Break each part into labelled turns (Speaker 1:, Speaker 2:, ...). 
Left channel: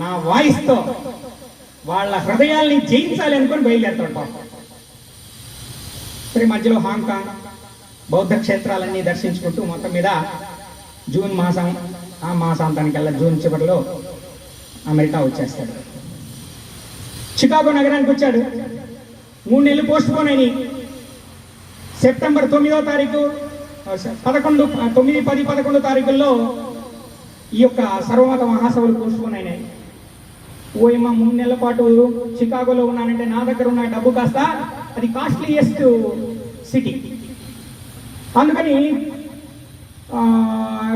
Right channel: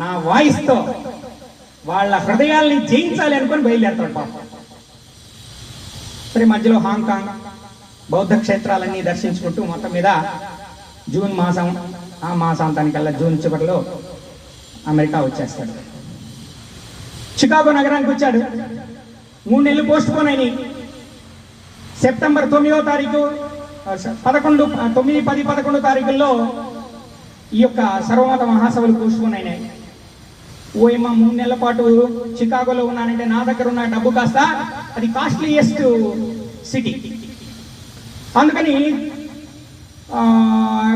Speaker 1: నా వాయిస్తో వాళ్ళ హృదయాల్ని జయించాలి అనుకుని బయలుదేరుతుంటాం. పాపం మధ్యలో హాంకాంగ్ బౌద్ధ క్షేత్రాలన్నీ దర్శించుకుంటూ మొత్తం మీద జూన్ మాసం ఆ మాసాంతానికల్లా జూన్ చివరిలో అమెరికా వచ్చేస్తాడు. చికాగో నగరానికి వచ్చాడు. మూడు నెలలు పోస్ట్ పోన్ అయినాయి. సెప్టెంబర్ తొమ్మిదో తారీఖు పదకొండు తొమ్మిది పది పదకొండు తారీఖుల్లో ఈ యొక్క సర్వమత మహాసభలు పోస్ట్ పోన్ అయినాయి. ఓయమ్మ మూడు నెలల పాటు చికాగోలో ఉన్నానంటే నా దగ్గర ఉన్న డబ్బు కాస్త అది కాస్ట్లీయెస్ట్ సిటీ అందుకని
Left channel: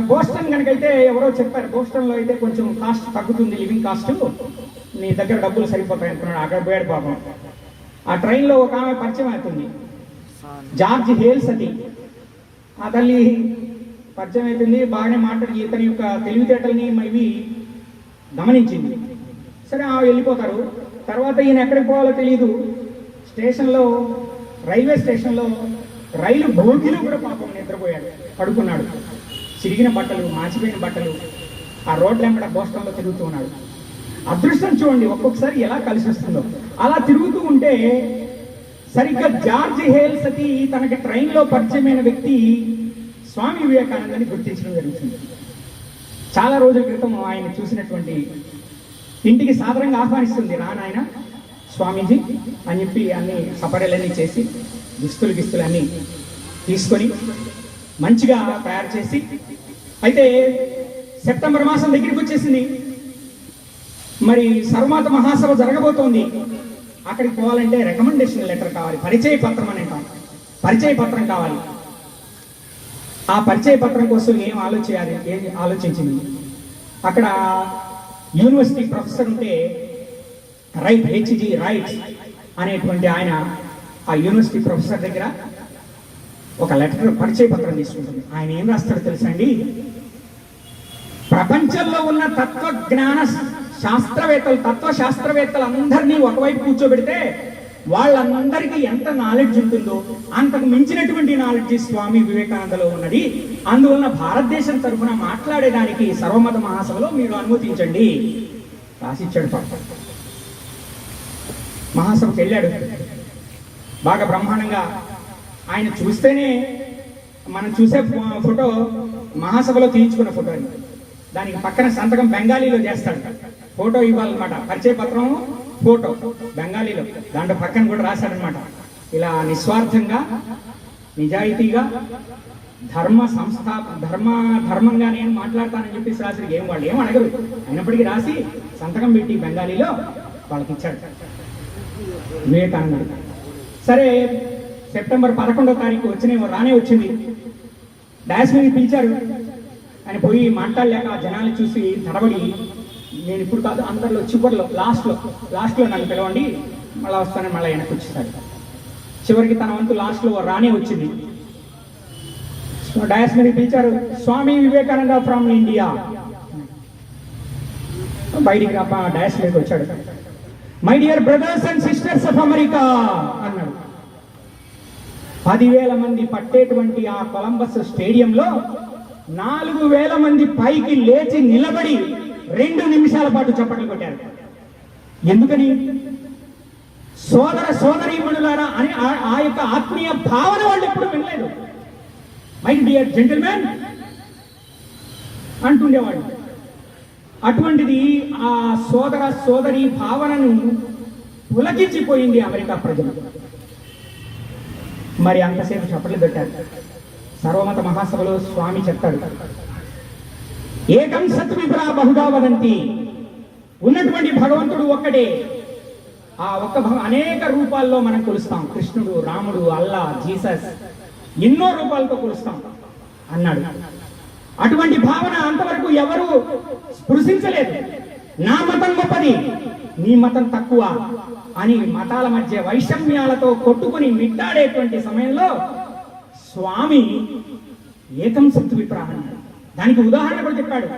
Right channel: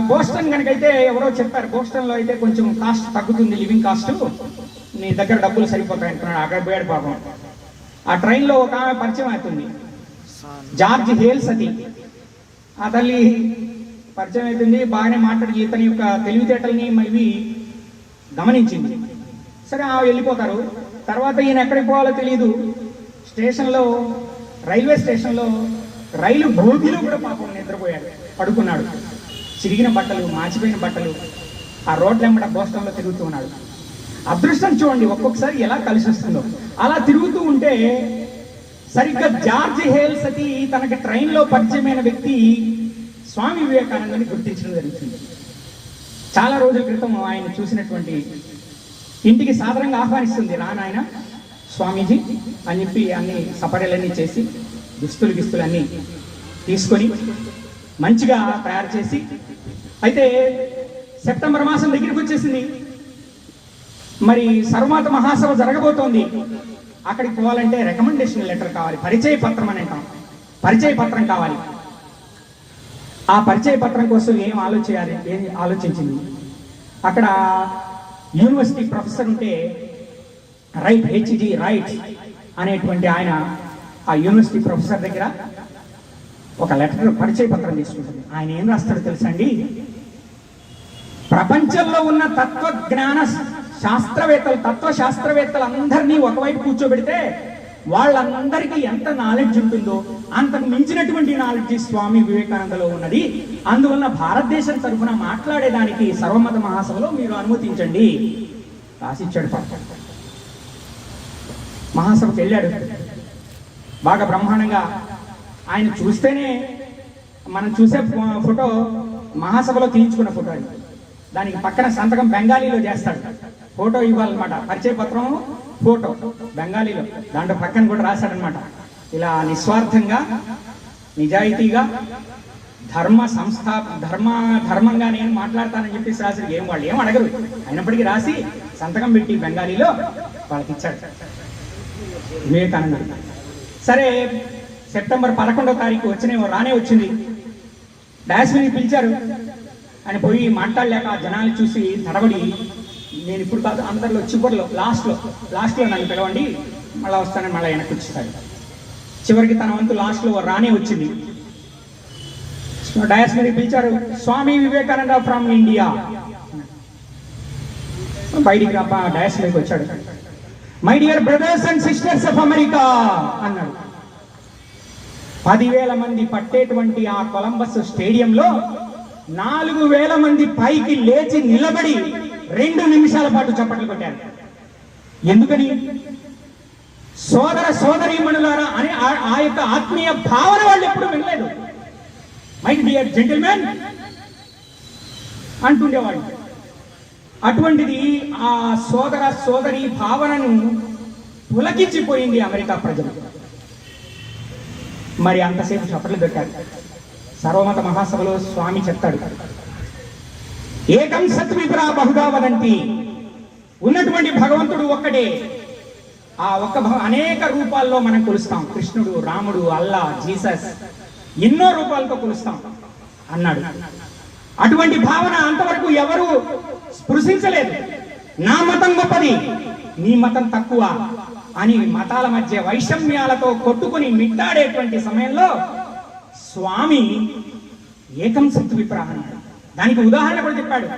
Speaker 1: బోస్టన్ కనుకైతే ఎవరో చెప్పారు బోస్టన్లో అయితే కొంచెం కాస్ట్ తగ్గుతుంది లివింగ్ కాస్ట్ నీ దగ్గర డబ్బులు సరిపోతాయి అంటున్నాడు. అక్కడ పోయాడు పాపం. ఆ ట్రైన్లో ఒక ఆమె పరిచయం అవుతుంది. జార్జ్ హేల్స్ అది. ఆ తల్లి పరిచయం అవుతుంది. బాగానే మాట్లాడి ఇతని యొక్క తెలివితేటల్ని ఇవి గమనించింది. సరే ఆ వెళ్ళిపోతారు. తర్వాత ఈయన ఎక్కడికి పోవాలో తెలియదు స్టేషన్లో రైల్వే స్టేషన్లో రైలు భోగిలో కూడా పాపం నిద్రపోయాడు. పడుకున్నాడు. చిరిగిన బట్టలు మాచిపోయిన బట్టలు ఆ రోడ్ల వెంబడ బోస్టన్లో తిరుగుతూ ఉన్నాడు. అదృష్టం చూడండి ఒక్కొక్కసారి ఎలా కలిసి వస్తుందో. అలా తిరుగుతూ ఉంటే సరిగ్గా జార్జ్ హేల్స్ అది తనకి ట్రైన్లో పరిచయమైన వ్యక్తి స్వామి వివేకానందని గుర్తించడం జరుగుతుంది చాలా రోజుల క్రితం ఆయన చూసినటువంటి ఇంటికి సాధారణంగా ఆహ్వానిస్తుంది రానాయన స్వామీజీ అని చెప్పి అన్ని సపరేలన్నీ చేసి దుస్తులు గిస్తులన్నీ తీసుకొని మంచిగా తయారు చేసి అయితే సెప్టెంబర్ మాసం దగ్గరికి వచ్చేసింది. మరి సర్వమాత మహాసభ జరగబోతోంది. అక్కడికి పోవాలంటే రికమెండేషన్ లెటర్ కావాలి పరిచయ పత్రం అని అంటాం. పరిచయ పత్రం కావాలి. ఆ పరిచయ పత్రం కోసం ఏం ఆలోచించాలి ఏం ఆలోచించింది? అక్కడ యూనివర్సిటీ ప్రొఫెసర్ ఉంటే రైట్ హెచ్జి రైట్ అనేటువంటి ఆయన ఆ యూనివర్సిటీ ప్రొఫెసర్ దగ్గర ఒక లెటర్ పరిచయ పత్రం తీసుకుంటుంది. ఆయన ఏం రాస్తాడో తెలుసండి? ప్రపంచంలో ఉన్న తత్వజ్ఞాన శాస్త్రవేత్తలు తత్వ శాస్త్రవేత్తలు అందరినీ ఒకవైపు కూర్చోబెడితే వాళ్ళందరికీ ఎంత నాలెడ్జ్ ఉంటుందో అంతకు మించినటువంటి నాలెడ్జ్ స్వామి వివేకానందలో ఉన్నది. అందువల్ల భారతదేశం తరఫున మాట్లాడేదానికి సర్వమత మహాసభలో మీరు అనుమతించండి. రాసిచ్చాడు పాపం. మహాసభకు వెళ్ళాడు. బాగా బ్రహ్మాండంగా ఆయన చూస్తేనే మనం చూసే ఫోటో మహాసభలో తీయించుకున్న ఫోటో అని దానికి పక్కన సంతకం బెంగాలీలో చేస్తాడు. ఫోటో ఇవ్వాలన్నమాట. పరిచయ పత్రము ఫోటో బెంగాలీలో దాంట్లో పక్కన కూడా రాశాడనమాట. ఇలా నిస్వార్థంగా నిజాయితీగా ధర్మ సంస్థాప ధర్మ ధర్మంగా నేను మాట్లాడతానని చెప్పేసి రాసి ఏం వాళ్ళు ఏం అడగరు. అయినప్పటికీ రాసి సంతకం పెట్టి బెంగాలీలో వాళ్ళకి ఇచ్చాడు వివేకానంద సరే సెప్టెంబర్ పదకొండవ తారీఖు వచ్చిన రానే వచ్చింది. డాష్ మీద పిలిచారు. అని పోయి మాట్లాడలేక జనాలు చూసి తడబడి నేను ఇప్పుడు కాదు అందరిలో చివరిలో లాస్ట్లో లాస్ట్లో నన్ను పిలవండి మళ్ళీ వస్తానని మళ్ళీ వెనక్కి వచ్చేసాడు చివరికి తన వంతు లాస్ట్లో రానే వచ్చింది. డయాస్ మీద పిలిచారు స్వామి వివేకానంద ఫ్రమ్ ఇండియా. బయటికి రాప డయాస్ మీదకి వచ్చాడు. My dear brothers and sisters of America అన్నాడు. పదివేల మంది పట్టేటువంటి ఆ కొలంబస్ స్టేడియంలో నాలుగు వేల మంది పైకి లేచి నిలబడి రెండు నిమిషాల పాటు చప్పట్లు కొట్టారు. ఎందుకని? సోదర సోదరీమణులారా అని ఆ- యొక్క ఆత్మీయ భావన వాళ్ళు ఎప్పుడు వినలేదు. మై డియర్ జెంటిల్మెన్ అంటుండేవాళ్ళు అటువంటిది ఆ సోదర సోదరి భావనను పులకించిపోయింది అమెరికా ప్రజలు. మరి అంతసేపు చప్పట్లు కట్టారు. సర్వమత మహాసభలో స్వామి చెప్తాడు. ఏకం సత్విపురా బహుగా వదంతి. ఉన్నటువంటి భగవంతుడు ఒక్కడే. ఆ ఒక్క భగ- అనేక రూపాల్లో మనం కొలుస్తాం. కృష్ణుడు రాముడు అల్లా జీసస్ ఎన్నో రూపాలతో కొలుస్తాం అన్నాడు. అటువంటి భావన అంతవరకు ఎవరు స్పృశించలేదు. నా మతం గొప్పది నీ మతం తక్కువ అని మతాల మధ్య వైషమ్యాలతో కొట్టుకుని మిట్టాడేటువంటి సమయంలో స్వామి ఏకం సత్తు అన్నాడు. దానికి ఉదాహరణ కూడా చెప్పాడు.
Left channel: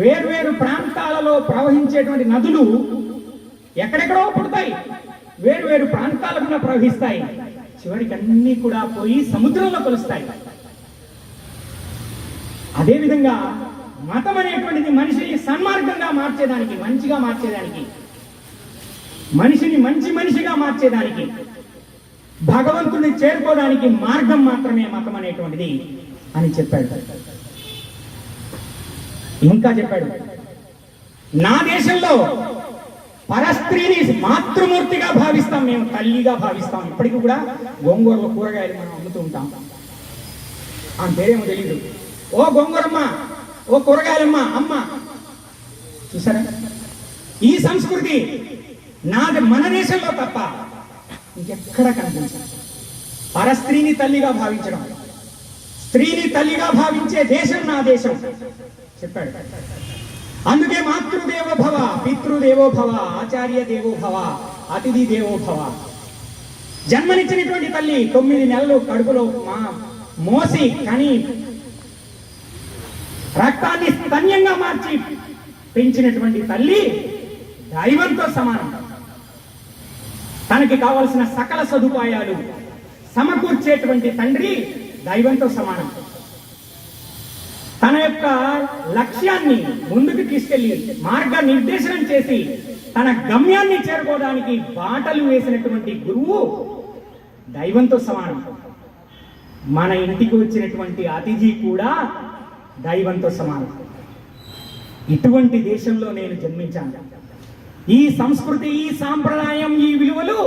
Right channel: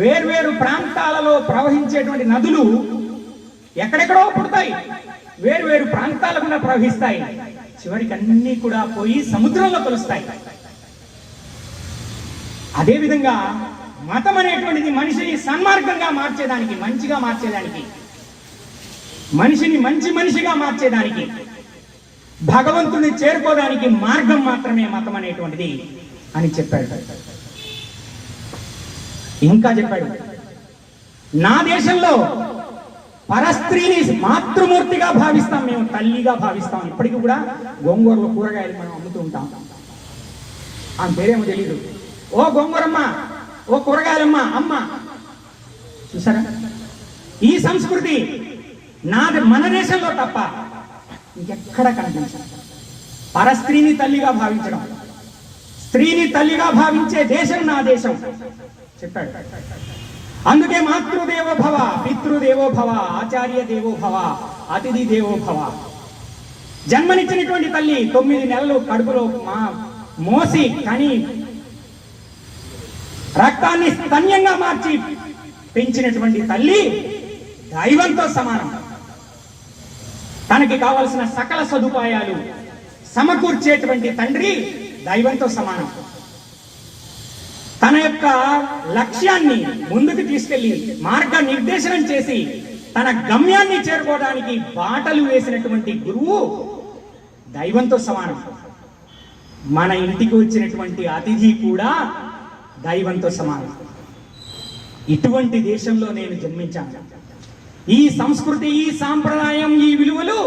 Speaker 1: వేర్వేరు ప్రాంతాలలో ప్రవహించేటువంటి నదులు ఎక్కడెక్కడో పుడతాయి. వేర్వేరు ప్రాంతాల గుండా ప్రవహిస్తాయి. చివరికి అన్ని కూడా పోయి సముద్రంలో కలుస్తాయి అదేవిధంగా మతం అనేటువంటిది మనిషిని సన్మార్గంగా మార్చేదానికి మంచిగా మార్చేదానికి మనిషిని మంచి మనిషిగా మార్చేదానికి భగవంతుని చేరుకోవడానికి మార్గం మాత్రమే మతం అనేటువంటిది అని చెప్పాడు. ఇంకా చెప్పాడు. నా దేశంలో పరస్త్రీని మాతృమూర్తిగా భావిస్తాం మేము తల్లిగా భావిస్తాం. ఇప్పటికి కూడా గోంగూరలో కూరగాయలు మనం అమ్ముతూ ఉంటాం. ఆ పేరేమో తెలియదు ఓ గోంగూరమ్మ ఓ కూరగాయలమ్మ అమ్మ. చూసారా? ఈ సంస్కృతి నాది మన దేశంలో తప్ప ఇంకెక్కడ కనిపించాలి పరస్త్రీని తల్లిగా భావించడం స్త్రీని తల్లిగా భావించే దేశం నా దేశం. చెప్పాడు. అందుకే మాతృదేవో భవ పితృదేవో భవ ఆచార్య దేవో భవ అతిథి దేవో భవ. జన్మనిచ్చినటువంటి తల్లి తొమ్మిది నెలలు కడుపులో మా మోసి కని రక్తాన్ని స్తన్యంగా మార్చి పెంచినటువంటి తల్లి దైవంతో సమానం. తనకి కావలసిన సకల సదుపాయాలు సమకూర్చేటువంటి తండ్రి దైవంతో సమానం. యొక్క లక్ష్యాన్ని ముందుకు తీసుకెళ్ళి మార్గ నిర్దేశనం చేసి తన గమ్యాన్ని చేరుకోవడానికి బాటలు వేసినటువంటి గురువు దైవంతో సమానం. మన ఇంటికి వచ్చినటువంటి అతిథి కూడా దైవంతో సమానం. ఇటువంటి దేశంలో నేను జన్మించాను. ఈ సంస్కృతి ఈ సాంప్రదాయం ఈ విలువలు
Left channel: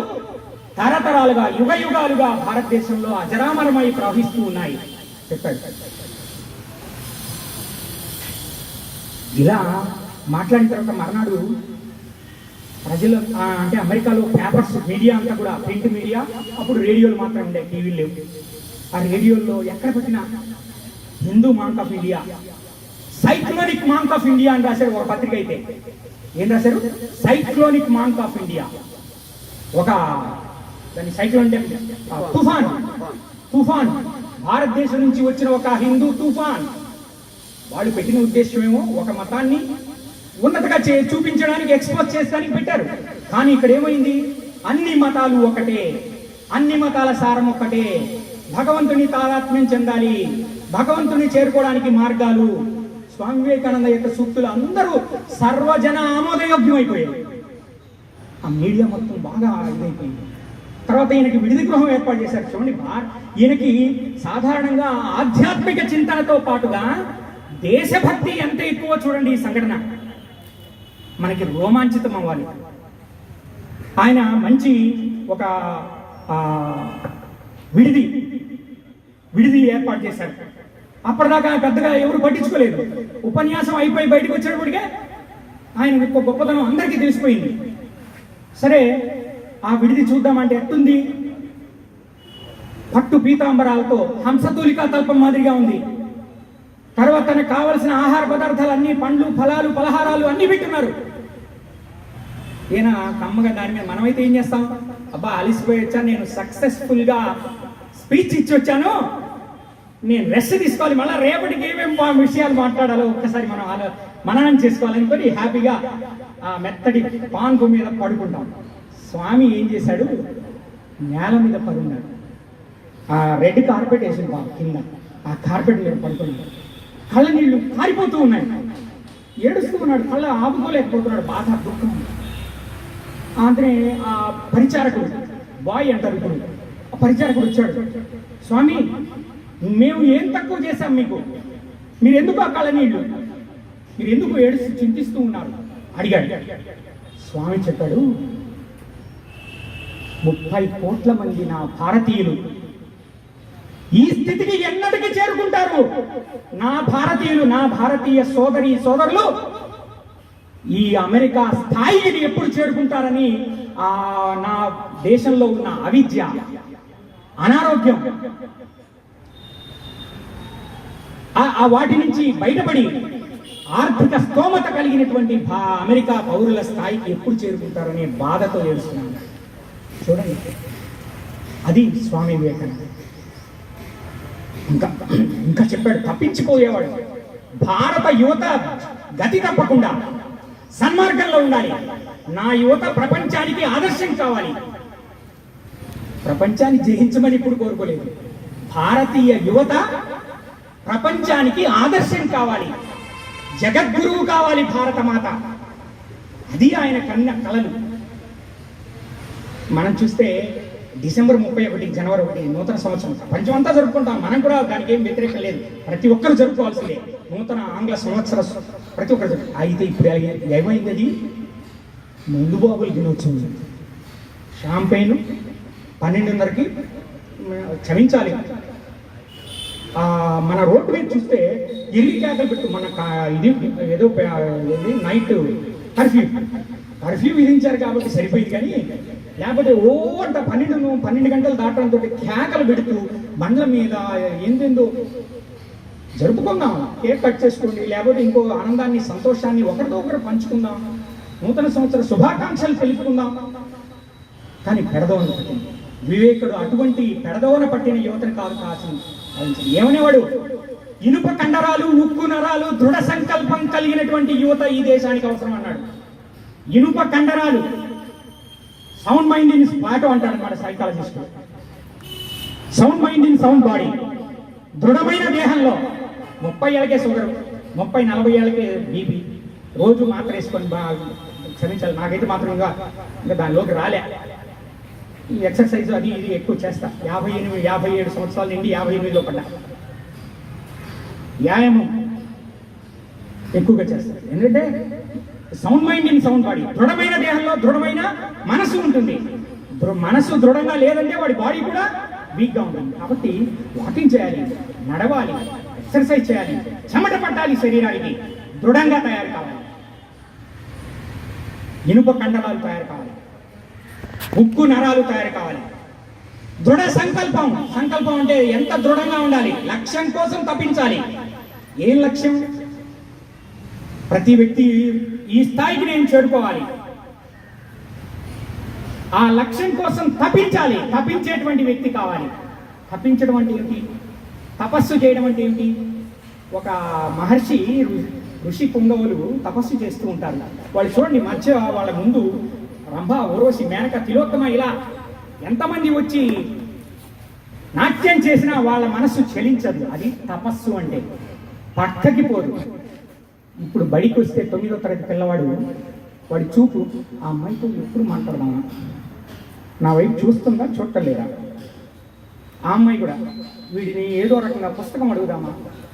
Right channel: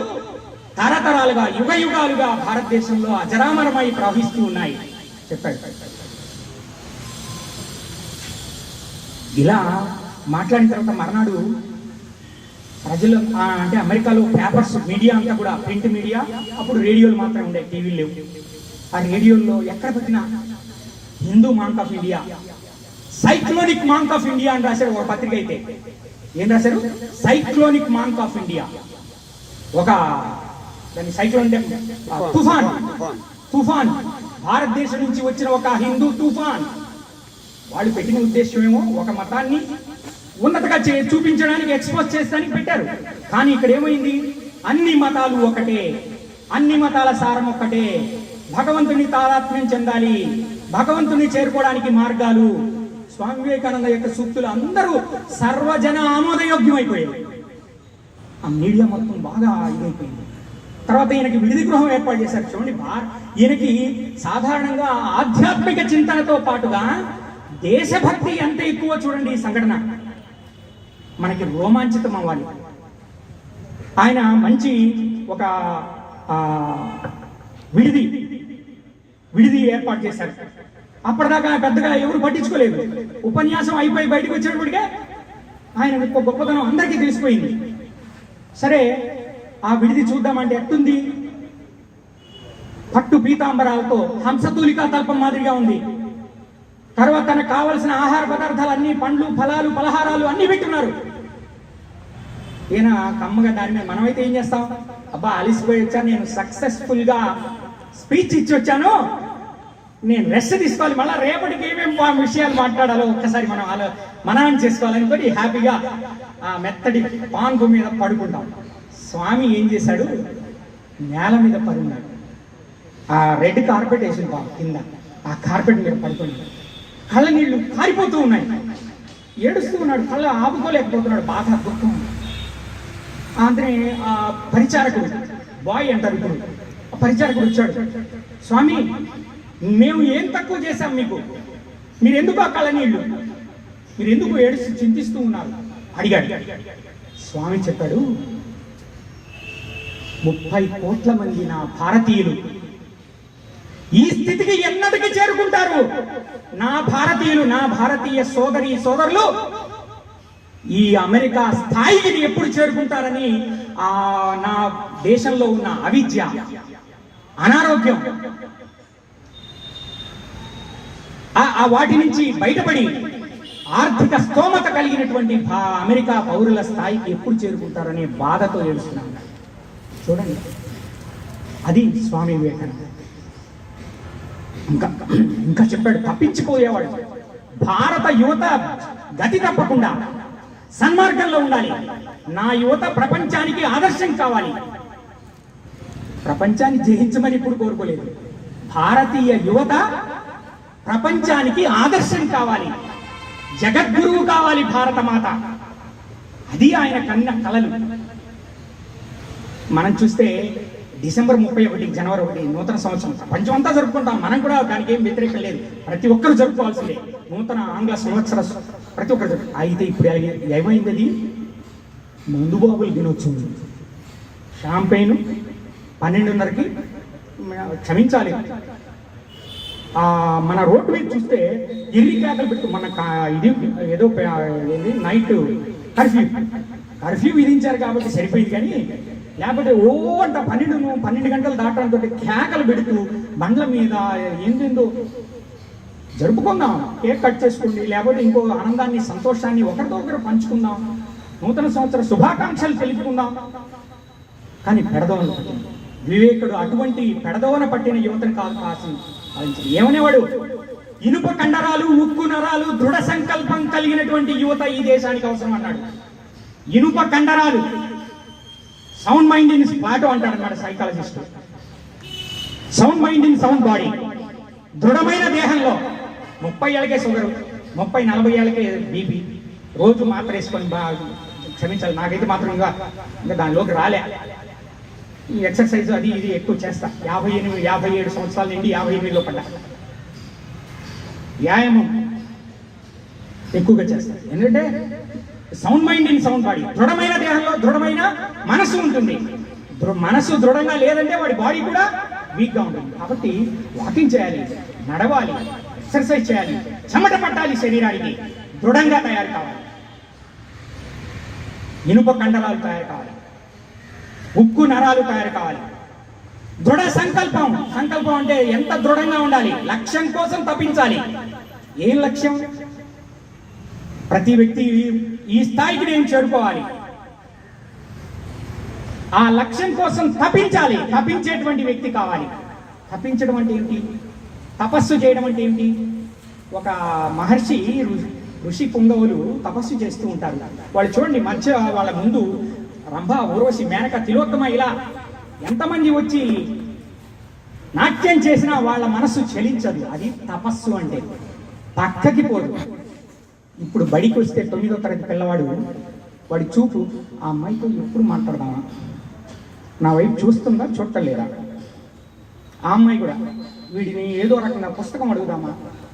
Speaker 1: తరతరాలుగా యుగ యుగాలుగా భారతదేశంలో అజరామరమై ప్రవహిస్తూ ఉన్నాయి. చెప్పాడు. ఇలా మాట్లాడిన తర్వాత మర్నాడు ప్రజలు అంటే అమెరికాలో పేపర్స్ మీడియా అంతా కూడా ప్రింట్ మీడియా అప్పుడు రేడియోలు మాత్రమే ఉండే టీవీలు లేవు. ఆ రేడియోల్లో ఎక్కడ పెట్టినా Hindu monk of India cyclonic monk of India అని రాశారు ఒక పత్రిక అయితే. ఏం రాశారు? Cyclonic monk of India. ఒక దాని సైక్లోన్ అంటే తుఫాన్. తుఫాన్. భారతదేశం నుంచి వచ్చిన ఒక హిందూ తుఫాన్. వాళ్ళు పెట్టిన ఉద్దేశం ఏమో ఒక మతాన్ని ఉన్నతగా చే చూపించడానికి ఎక్స్పోజ్ చేస్తానికి పెట్టారు. కానీ ఇక్కడ ఏమైంది? అన్ని మతాలు ఒకటే. అన్ని మతాల సారం ఒక్కటే. భగవంతుని తాదాత్మ్యం చెందాలి. భగవంతుని చేరుకోవడానికి మార్గాలు. స్వామి వివేకానంద యొక్క సూక్తులు అందరూ సర్వజన ఆమోదయోగ్యమైపోయాయి. ఆ మీడియా మొత్తం బాగా ఇదైపోయింది. తర్వాత ఈయనకి విడిది గృహం ఏర్పాటు చేశారు. చూడండి ఈయనకి సాధారణంగా ఆధ్యాత్మిక చింతనతో పాటుగా దేశభక్తి ఎంత ఎక్కువ చూడండి ఈ సంఘటన. మనకి రోమాంచితం అవ్వాలి. ఆయన మంచి ఒక విడిది విడిది ఏర్పాటు చేశారు. అప్పటిదాకా పెద్దగా ఎవరు పట్టించుకోలేదు. ఉపన్యాసం అయిపోయి బయటకు వచ్చేటప్పటికే ఆయన యొక్క గొప్పతనం అందరికీ తెలిసిపోయింది. సరే ఆ విడిది చూద్దామంటే ఎట్టుంది? పట్టు పీతాంబరాలతో హంసతూలికా తల్పం మాదిరిగా ఉంది. తర్వాత తనకు కావలసిన ఆహార పదార్థాలు అన్ని పండ్లు ఫలాలు పలహారాలు అన్ని పెట్టున్నారు. ఈయన కమ్మగా దాని మీద మనమైతే ఏం చేస్తాం? అబ్బా అలిసిపోయొచ్చా? నేను సక్సెస్ఫుల్గా స్పీచ్ ఇచ్చి వచ్చాను. నేను రెస్ట్ తీసుకోవాలి. మళ్ళీ రేపటికి ఏమేమి విషయాలు మాట్లాడాలో ఒక్కసారి మనం ఆలో మననం చేసుకోవాలనుకొని హ్యాపీగా ఆ మెత్తడి పాంగు మీద పడుకుంటాం. స్వామి ఏం చేశాడు? నేల మీద పడున్నాడు. ఆ రెడ్ కార్పెట్ వేసింది బాబు కింద. ఆ కార్పెట్ మీద పడుకున్నాడు. కళ్ళ నీళ్ళు కారిపోతూ ఉన్నాయి. ఏడుస్తూ ఉన్నాడు కళ్ళ ఆపుకోలేకపోతున్నాడు బాగా దుఃఖం. అందుకనే ఆ పరిచారకుడు బాయ్ అంటారు ఇప్పుడు. ఆ పరిచారకుడు వచ్చాడు. స్వామి మేము ఏం తక్కువ చేశాం మీకు? మీరు ఎందుకు ఆ కళ్ళ నీళ్ళు మీరు ఎందుకు ఏడుస్తూ చింతిస్తూ ఉన్నారు? అడిగాడు. స్వామి చెప్పాడు ముప్పై కోట్ల మంది నా భారతీయులు ఈ స్థితికి ఎన్నటికి చేరుకుంటారు? నా భారతీయులు నా భారతీయ సోదరి సోదరులు ఈ అమెరికా స్థాయికి ఎప్పుడు చేరుకుంటారని ఆ నా దేశంలో ఉన్న అవిద్య అనారోగ్యం ఆ- వాటి నుంచి బయటపడి ఆర్థిక స్తోమత కలిగినటువంటి అమెరికా పౌరుల స్థాయికి ఎప్పుడు చేరుకుంటారనే బాధతో ఏడుస్తున్నాను. చూడండి. అది స్వామి వివేకానంద. ఇంకా ఇంకా చెప్పాడు తప్పించిపోయేవాడు. భారత యువత గతి తప్పకుండా సన్మార్గంలో ఉండాలి. నా యువత ప్రపంచానికి ఆదర్శం కావాలి. ప్రపంచాన్ని జయించమని ఇప్పుడు కోరుకోలేదు. భారతీయ యువత ప్రపంచానికి ఆదర్శం కావాలి. జగద్గురువు కావాలి భారత మాత అది ఆయన కన్న కలలు. మనం చూస్తే డిసెంబర్ ముప్పై ఒకటి జనవరి ఒకటి నూతన సంవత్సరం. ప్రపంచం అంతా జరుపుకుంటాం. మనం కూడా దానికి ఏం వ్యతిరేకం లేదు. ప్రతి ఒక్కరు జరుపుకోవాల్సిందే. నూతన ఆంగ్ల సంవత్సర ప్రతి ఒక్కరు అయితే ఇప్పుడు ఏమైంది అది? ముందు బాబులు దినోత్సవం షాంపెయిన్ పన్నెండున్నరకి క్షమించాలి. మన రోడ్డు మీద చూస్తే ఇరిగి కేకలు పెట్టు మన ఇది ఏదో? Night curfew. కర్ఫ్యూ విధించారు కాబట్టి సరిపోయింది కానీ లేకపోతే ఓ ద పన్నెండు పన్నెండు గంటలు దాటడంతో కేకలు పెడుతూ బండ్ల మీద ఏందేందో జరుపుకుందాం. కేక్ కట్ చేసుకోండి లేకపోతే ఇంకో ఆనందాన్ని సంతోషాన్ని ఒకరితో ఒకరు పంచుకుందాం. నూతన సంవత్సర శుభాకాంక్షలు తెలుపుకుందాం. కానీ పెడదవన పట్టింది. వివేకుడు అటువంటి పెడదవన పట్టిన యువతను కాదు ఏమని ఏమనేవాడు? ఇనుప కండరాలు ఉక్కు నరాలు దృఢ సంకల్పం కలిగినటువంటి యువత ఈ దేశానికి అవసరం అన్నాడు ఇనుప కండరాలు. సౌండ్ మైండ్ ఇన్ ప్లాటో అంటాడు అన్నమాట psychologist sound mind in sound body దృఢమైన దేహంలో ముప్పై ఏళ్ళకే షుగర్ ముప్పై నలభై ఏళ్ళకే బీపీ రోజు మాత్రం వేసుకొని బాగా క్షమించాలి. నాకైతే మాత్రం ఇంకా ఇంకా దానిలోకి రాలే. ఈ ఎక్సర్సైజ్ అది ఇది ఎక్కువ చేస్తా. యాభై ఎనిమిది యాభై ఏడు సంవత్సరాల నుండి యాభై ఎనిమిదిలో పడ్డా. వ్యాయామం ఎక్కువగా చేస్తారు ఎందుకంటే sound mind in sound body దృఢమైన దేహంలో దృఢమైన మనసు ఉంటుంది. మనసు దృఢంగా లేదంటే వాడి బాడీ కూడా వీక్గా ఉంటుంది. కాబట్టి వాకింగ్ చేయాలి నడవాలి ఎక్సర్సైజ్ చేయాలి చెమట పట్టాలి శరీరానికి. దృఢంగా తయారు కావాలి. ఇనుప కండరాలు తయారు కావాలి. ఉక్కు నరాలు తయారు కావాలి. దృఢ సంకల్పం. సంకల్పం అంటే ఎంత దృఢంగా ఉండాలి? లక్ష్యం కోసం తప్పించాలి. ఏం లక్ష్యం? ప్రతి వ్యక్తి ఈ స్థాయికి నేను చేరుకోవాలి. ఆ లక్ష్యం కోసం తప్పించాలి. తప్పించేటువంటి వ్యక్తి కావాలి. తప్పించడం అంటే ఏమిటి? తపస్సు చేయడం అంటే ఏమిటి? ఒక మహర్షి ఋషి పుంగవులు తపస్సు చేస్తూ ఉంటారు. వాళ్ళు చూడండి మధ్య వాళ్ళ ముందు రంభ ఊర్వశి మేనక తిలోత్తమ ఇలా ఎంతమంది వచ్చి నాట్యం చేసినా వాళ్ళ మనస్సు చెలించదు. అది తపస్సు అంటే పక్కకి పోదు. ఇప్పుడు బడికి వస్తే తొమ్మిదో తరగతి పిల్లవాడు వాడి చూపు ఆ అమ్మాయితో ఎప్పుడు మాట్లాడదామా? నా వైపు చూస్తుందా చూడలేదా ఆ అమ్మాయి కూడా వీడిని ఏదో రకంగా పుస్తకం అడుగుదామా?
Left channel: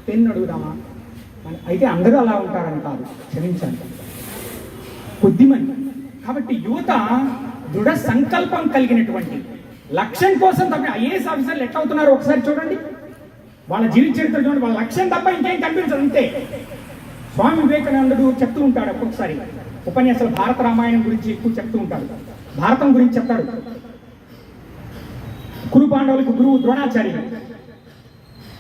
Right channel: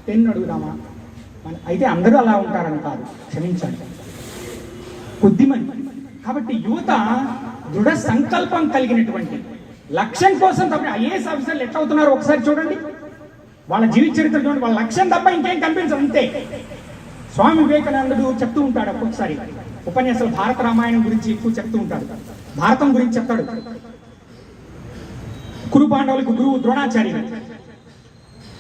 Speaker 1: పెన్ను అడుగుదామా? అయితే అందరూ అలా ఉంటారని కాదు క్షమించండి కొద్దిమంది కాబట్టి యువత దృఢ సంకల్పం కలిగినటువంటి లక్ష్యం కోసం తప్ప ఐఏఎస్ ఆఫీసర్లు ఎట్లా అవుతున్నారో ఒకసారి చూడండి. వాళ్ళ జీవిత చరిత్ర చూడండి వాళ్ళ లక్ష్యం తప్ప ఇంకేం కనిపించదు అంతే. స్వామి వివేకానందుడు చెప్తూ ఉంటాడు ఒక్కొక్కసారి. ఉపన్యాసాలు భారత రామాయణం గురించి ఎక్కువ చెప్తూ ఉంటాడు. భారతం గురించి చెప్తాడు. కురు పాండవులకు గురువు ద్రోణాచారి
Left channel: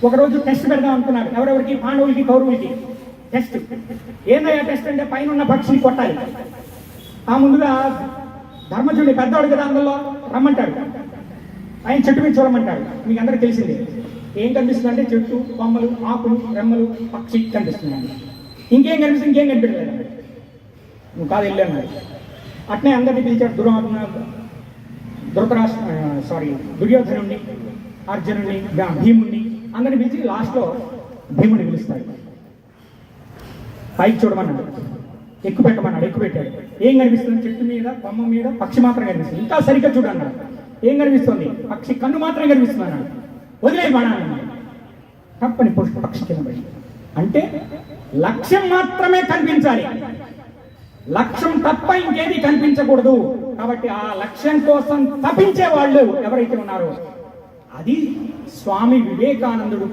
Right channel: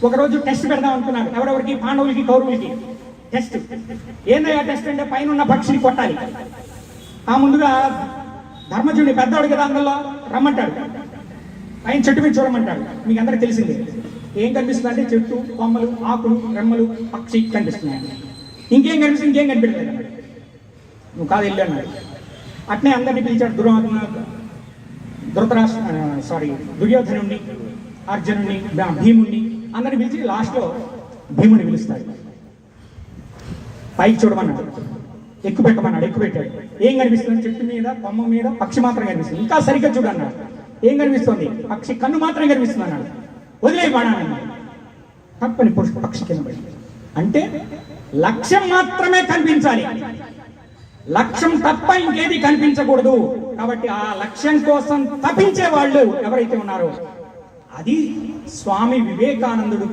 Speaker 1: ఒకరోజు టెస్ట్ పెడదాం అనుకున్నారు. ఎవరెవరికి? పాండవులకి కౌరవులకి. టెస్ట్ ఏందయ్యా టెస్ట్ అంటే పైన ఉన్న పక్షిని కొట్టాలి. ఆ ముందుగా ధర్మజుడి పెద్దవాడు కదా అందులో? రమ్మంటాడు. ఆయన చెట్టు మీద చూడమంటాడు. మీకు అందరికి తెలిసిందే. ఏం కనిపిస్తుంది అంటే చెట్టు కొమ్మలు ఆకులు రెమ్మలు పక్షి కనిపిస్తున్నాయి. ఇంకేం కనిపిస్తుంది? ఇంకేం కనిపించలేదు నువ్వు కాదు వెళ్ళాను అట్లే అట్నే అందరినీ పిలిచాడు దుర్వాత్మ ధృతరాష్ట్ర సారీ దుర్యోధనుణ్ణి అర్జునుడిని భీముణ్ణి అందరిని పిలిచి లాస్ట్లో భీముని పిలుస్తాడు. పైకి చూడమన్నాడు. ఎక్కువ పెట్టమన్నాడు ఎక్కువ పెట్టాడు ఏం కనిపిస్తుంది? చెట్టు మీద కొమ్మ మీద పక్షి మాత్రం కనిపిస్తుంది. ఇంకా సరిగ్గా చూడన్నాడు. ఏం కనిపిస్తుంది? పక్షి కన్ను మాత్రం కనిపిస్తుంది అన్నాడు వదిలే బాణాన్ని. తప్పని పురుషుడు పక్షి కింద అంటే లక్ష్యం మాత్రమే కనిపించాలి. లక్ష్యం తప్ప ఇంకేది కనిపించకూడదు. కాబట్టి ఆ లక్ష్యం కోసం తప్పించే వాళ్ళు ఎవరైతే ఉన్నారో అది స్వామి వివేకానందుడు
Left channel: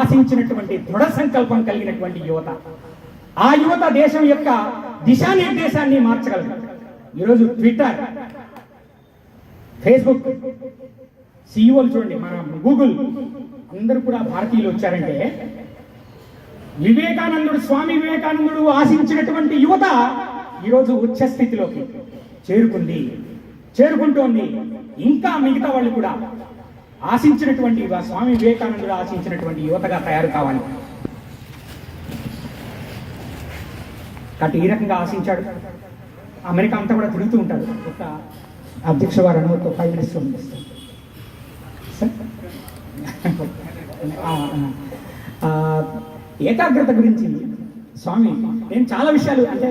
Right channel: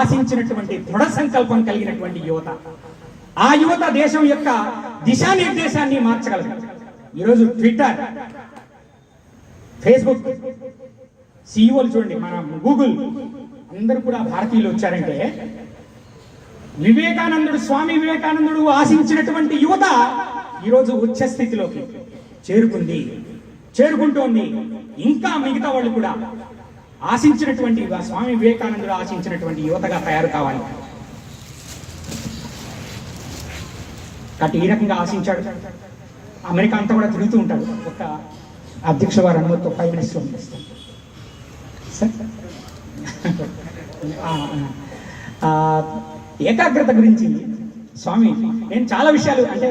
Speaker 1: ఆశించినటువంటి దృఢ సంకల్పం కలిగినటువంటి యువత. ఆ యువత దేశం యొక్క దిశానిర్దేశాన్ని మార్చగలరు ఈరోజు ట్విట్టర్ ఫేస్బుక్ సీఈఓలు చూడండి మన గూగుల్ అందరూ కూడా భారతీయులు వచ్చారంటే వివేకానందుడు స్వామి వివేకానందుడు ఆశించినటువంటి యువత ఈరోజు ఉచ్చ స్థితిలోకి చేరుకుంది. చేరుకుంటోంది. ఇంకా మిగతా వాళ్ళు కూడా ఆశించినటువంటి స్వామి వివేకానందుడు ఆశించినటువంటి యువతగా తయారు కావాలి. కాబట్టి ఈ రకంగా ఆశించాడు. అమెరికా అంతా కూడా తిరుగుతూ ఉంటాడు ఒక అధ్యక్ష వారు అనుమతితో ప్రైమ్ మినిస్టర్ పంపిస్తాడు సార్? ఏకాగ్రత గురించి స్వామి నేను చాలా విషయాలు అంటే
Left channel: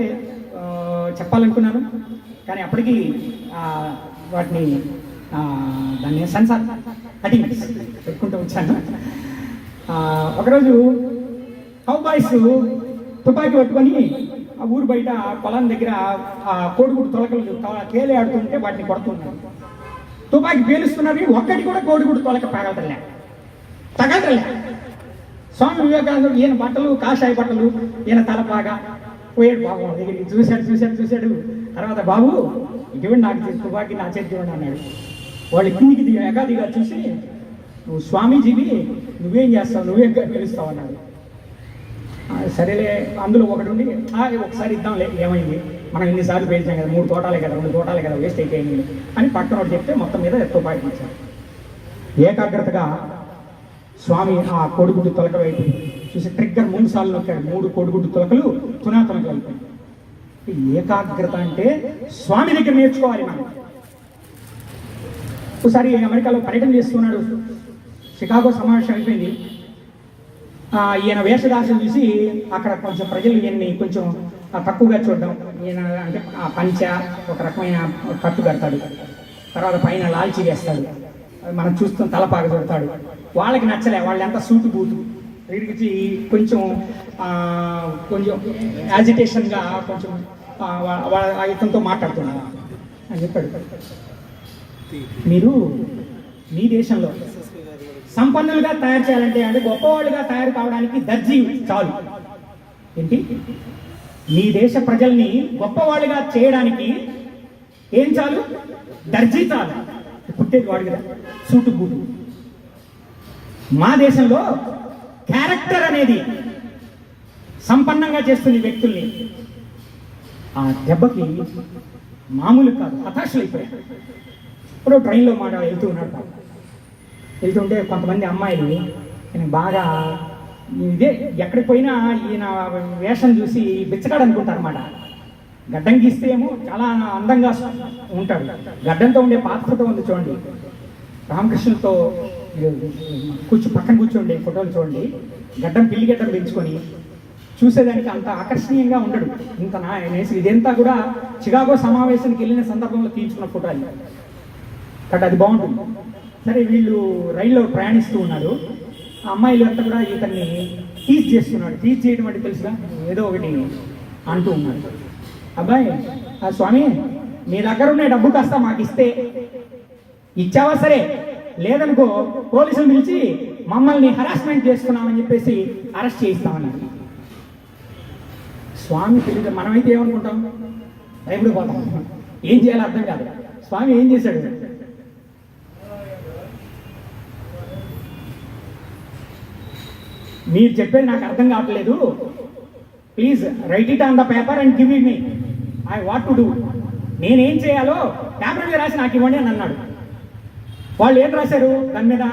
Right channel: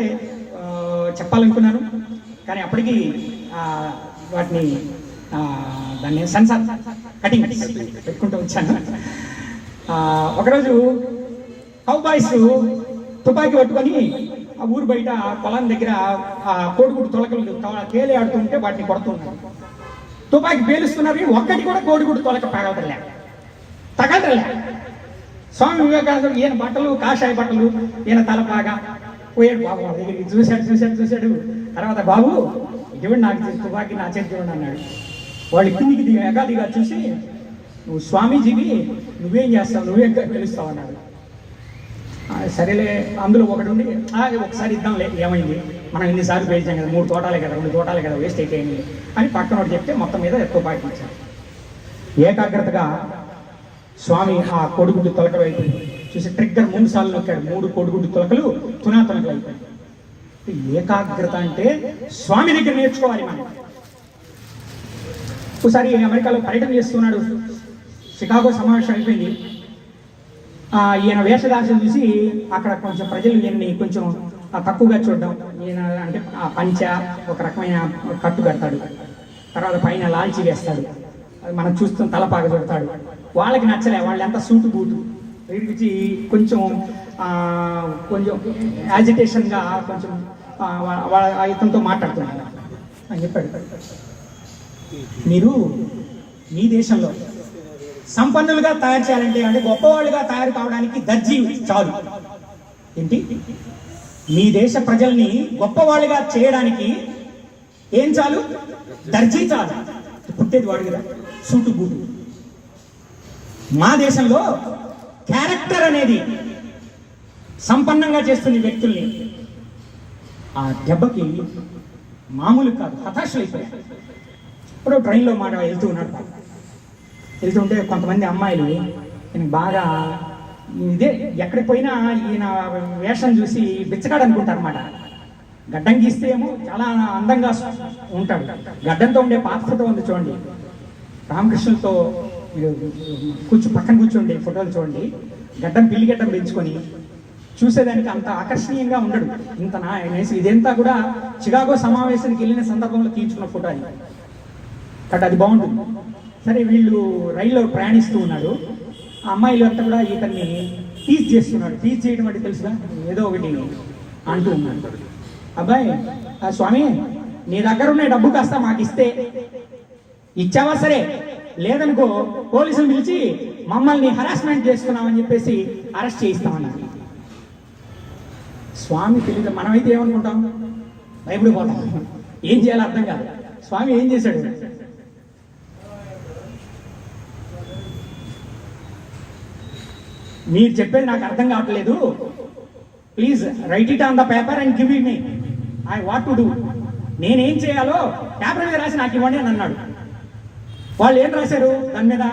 Speaker 1: చెప్పాలనుకున్నాను. కానీ అప్పటికి వాటిని దాన్ని సెన్సార్ కటింగ్ పెట్టుకుంటూ వచ్చాను. ఒకరోజు కౌబాయ్స్ తుపాకీ పట్టుకొని ఆ ఊరు బయట ఆ పొలం దగ్గర ఆ కోడిగుడు తొలకలు కేలే ఆడుతుంటే వాటిని కొడుతున్నారు తుపాకీ పేలుస్తున్నారు ఒక్కటి కూడా కోడిగుడు తొలక పగలటలే తగలటలే స్వామి వివేకానందుడు ఈయన బట్టలు కాషాయ బట్టలు ఈయన తలపాగా. పోయాడు బాబు వాళ్ళ దగ్గరికి. చూశాడు చూశాడు చూశాడు. తర్వాత బాబు ఇటువంటి నాకు చేతి తుపాకీ నా చేతిలో అన్నాడు. వాళ్ళు కిందికి దిగా ఎగాదిగా చూసి నువ్వు స్వామీజీవి నువ్వేం చేస్తావు? నువ్వేం పిలుస్తావు అన్నాడు. సరేలే అందులో ఒకటి ఉండి ఒకసారి ఇద్దాంలే ఏమైంది? మనం ఎన్నిసార్లు పేల్చాం కదా మూడు తోటాలే కదా రెండు తోటాలే కదా వేస్ట్ అయిపోయింది అని పక్కన చెప్తే మొత్తం మీద తుపాకీ ఇచ్చాను ఏకాగ్రతగా స్వామి ఆ కోడిగుడ్డు తొలకలు అయిపోయింది. చూసి ట్రిగ్గర్ మూడు సార్లు నొక్కాడు. మూడు కోడిగుడ్డు తొలకలు తునా అయిపోయింది. ఏకాగ్రత అంటే స్వామి దగ్గర నేర్చుకోవాలి మనం. ఒకసారి అమెరికాలో పర్యటన చేస్తున్నాడు. షికాగో సమావేశం అయిపోయింది. ఈయన వేషధారణ చూసి అక్కడ కొంచెం ప్రజలు ఈయన్ని కొంచెం తక్కువగా చూడడం. ఈయన అంటే ఆ పంచ ఒక రకమైన కట్టు కడతాడు. తర్వాత పైన లాల్చి వేస్తాడు. అది మనం చూస్తున్న తలపాగ చూడతాడు. వాళ్ళకి నచ్చలే వాళ్ళు ఎంత సూటు బూటు. దగ్గరికి కొంచెం కొంచెం యాజిటేషన్గా కొంచెం వాళ్ళ వా- మాట్లాడుతున్నారు ఇతనితో అని చెప్పాడు. మీరు మీ దేశంలో సంపన్నులుగా తయారు చేయాలంటే అంటే గొప్పవాళ్ళుగా తయారు కావడానికి దర్జీ చాలు. ఏంటి? మీ దేశ ప్రజల్ని గొప్పవాళ్ళుగా చేయడానికి ఏం చాలు? దర్జీ చాలు. పుట్టేది వాడు కదా సూటు బూటు. మా దేశంలో క్యారెక్టర్ అనేది సంపన్నంగా చేస్తుంది వ్యక్తుల్ని ఆ దెబ్బకి మామూలు కాదు హతాశలు అయిపోయారు ఇప్పుడు ట్రైన్లో మాట వెళ్తూ ఉన్నాడు. వెళ్తుంటే కొంతమంది అమ్మాయిలు ఈయన బాగా ఇదే ఎక్కడికి పోయినా ఈయన వేషం చూసి బిచ్చగాడు అనుకుంటారు గడ్డం గీస్తే ఏమో చాలా అందంగా ఉంటాడు గడ్డంతో ఉండే పాత ఫోటో ఉంది చూడండి. రామకృష్ణులతో కూర్చో పక్కన కూర్చోండి ఫోటోలు చూడండి. గడ్డం పిల్లి గడ్డం పెంచుకొని చూసేదానికి అంత ఆకర్షణీయంగా ఉండడు. ఇంత నా ఇదంతా కూడా చికాగో సమావేశానికి వెళ్ళిన సందర్భంలో తీయించుకున్న ఫోటో అది. కాబట్టి అది బాగుంటుంది. సరే వీళ్ళు రైల్లో ప్రయాణిస్తూ ఉన్నారు. ఆ అమ్మాయిలు అంతా కూడా ఇతన్ని టీచ్ చేస్తున్నాడు టీచ్ చేయడం అంటే తెలుసుగా? ఏదో ఒకటి అంటూ ఉన్నాడు అబ్బాయి స్వామి నీ దగ్గర ఉన్న డబ్బు కాస్త మాకు ఇస్తే ఇచ్చావా సరే? లేదనుకో పోలీసులు పిలిచి మమ్మల్ని హరాస్మెంట్ చేస్తున్నామని చెప్పేసి అరెస్ట్ చేయిస్తామన్నారు స్వామి తెలియదు మనమైతే ఏమనుకుంటాం? భయపడిపోతాం ఏం చేయాలో అర్థం కాదు. స్వామి ఏం చేశాడు? మీరు చెప్పేది నాకు అర్థం కావట్లేదు. Please write it on the paper and give it me I what to do నేనేం చేయాలో పేపర్ మీద రాసి నాకు ఇవ్వండి అని అన్నాడు. వాళ్ళు ఏం రాశారు? దాని మీద